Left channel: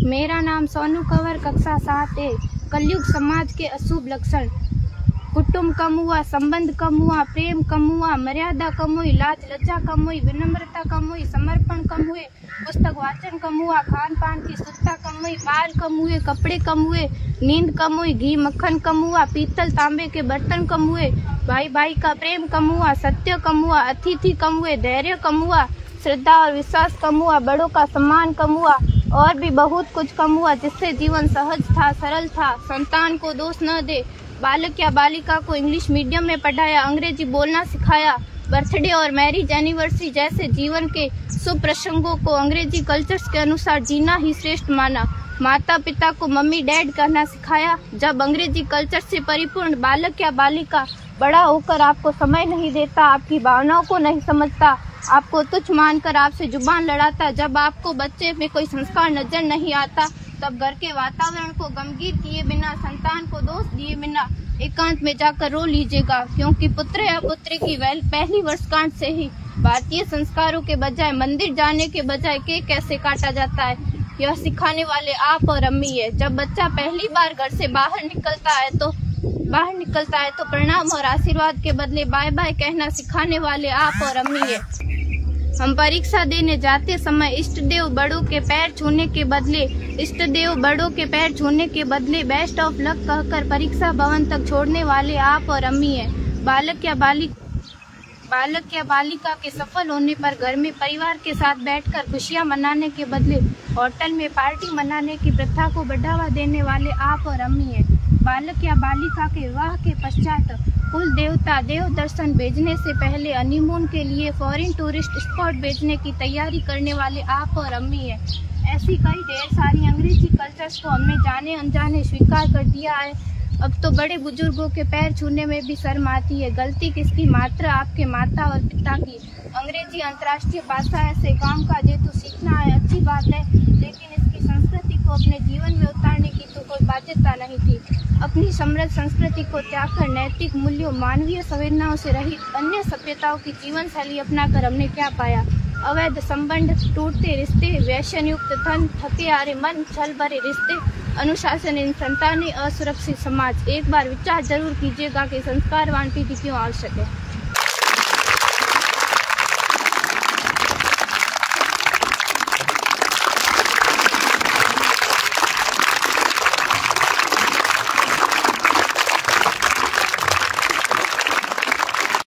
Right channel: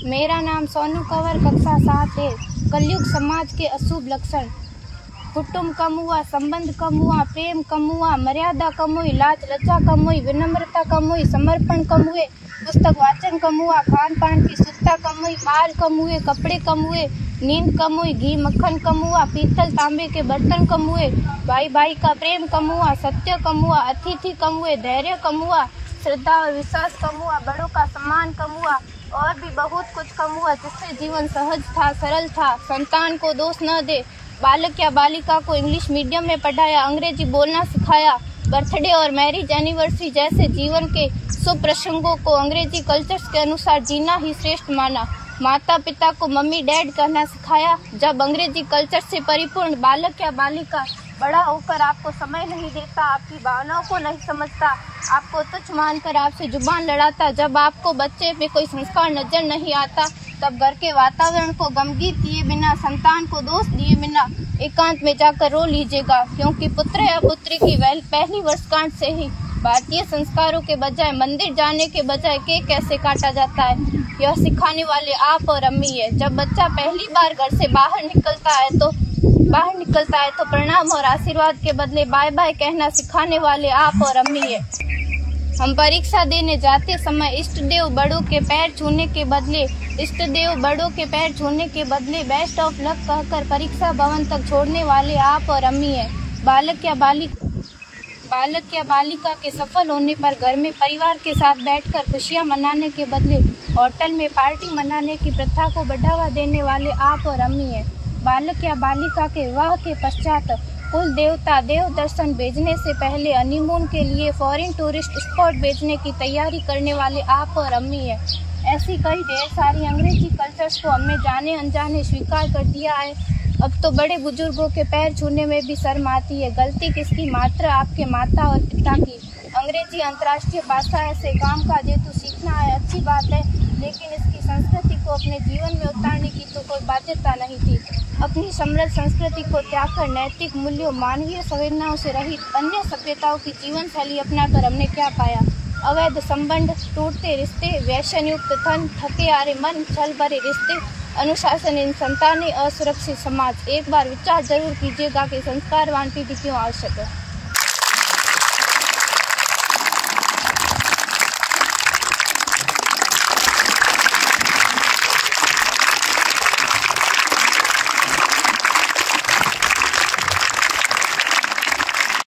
मेरा नाम सोनू कंवर, कक्षा 7 है। कलयुग समाज के अशुभ लक्षण। कुटुंब कम हुआ, संबंध कम हुआ, प्रेम कम हुआ, मर्यादा कम हुई, लाज लज्जा कम हुई, विनम्रता कम हुई, समर्पण कम हुए, पुस्तक वाचन कम हुआ, खान पान की शुद्धता कम हुई, बाल कम हुए, कपड़े कम हुए, नींद कम हुई, घी मक्खन कम हुआ, पीतल तांबे के बर्तन कम हुए, भाई भाई का प्रेम कम हुआ, सत्य कम हुआ, अतिथि कम हुए, धैर्य कम हुआ, श्रद्धा और विश्वास कम हुआ, बड़ों का सम्मान कम हुआ और भी बहुत कुछ कम हुआ जिससे जीवन सहज था, सरल था। संतान को दोष न दे। बालक या बालिका को इंग्लिश मीडियम में पढ़ाया, अंग्रेजी बोलना सिखाया, बर्थडे और मैरिज एनिवर्सरी जैसे जीवन के शुभ प्रसंगों को अंग्रेजी कल्चर्स के अनुसार जीना ही श्रेष्ठ माना। माता पिता को मम्मी डैड कहना सिखाया। जब अंग्रेजी कल्चर से परिपूर्ण बालक या बालिका बड़ा होकर आपको समय नहीं देता, आपकी भावनाओं को नहीं समझता, आपको तुच्छ मानकर आपसे जुबान लड़ाता, जब आपको बच्चे में कोई संस्कार नजर नहीं आता, तब घर के वातावरण को गमगीन किए बिना, संतान को दोष दिए बिना एकांत में जाकर रो लीजिएगा, क्योंकि पुत्र या पुत्री की पहली वर्षगांठ से ही भारतीय संस्कारों के बजाय, मंदिर जाने के बजाय केक कैसे काटा जाता है, यह सिखाने वाले आप और अम्मी है। जब बच्चा पहली बार घर से बाहर निकलता है तो प्रणाम और आशीर्वाद के बदले बाय बाय कहना सिखाने वाले आप और अम्मी है। हम परीक्षा देने जाते समय इष्ट देव बड़ों के पैर छूने के बदले बेस्ट ऑफ लक कहकर परीक्षा भवन तक छोड़ने वाले आप और अम्मी है। बालक या बालिका के सफल होने पर घर में परिवार के साथ बैठकर खुशियां मनाने के बदले होटल में पार्टी मनाने की प्रथा को बढ़ावा देने वाले आप और अम्मी है। बालक या बालिका के विवाह के पश्चात कुल देवता देव दर्शन भेजने से पहले हनीमून के लिए फॉरेन टूरिस्ट स्पॉट भेजने की तैयारी करने वाले आप और अम्मी है। ऐसी कई ढेर सारी अंग्रेजी कल्चर्स को हमने जाने अनजाने स्वीकार कर दिया है। अब तो बड़े बुजुर्गों के पैर छूने में भी शर्म आती है। गलती किसकी? मात्र आपके माता और पिता की। अंग्रेजी अंतर्राष्ट्रीय भाषा है से काम का जेतु सीखना है, अच्छी बात है, लेकिन इसकी संस्कृति को अपने जीवन में उतारने की तो कोई बाध्यता नहीं थी। अपनी समृद्ध संस्कृति को त्याग कर नैतिक मूल्यों, मानवीय संवेदनाओं से रहित अन्य सभ्यताओं की जीवन शैली अपनाकर हमने क्या पाया? अवैध संबंध, टूटते रिश्ते, व्यसन युक्त धन, थके हारे मन, छल भरे रिश्ते, अनुशासनहीन संतानें, असुरक्षित समाज। एक बार विचार जरूर कीजिएगा कि संस्कारवान पीढ़ी क्यों आवश्यक है।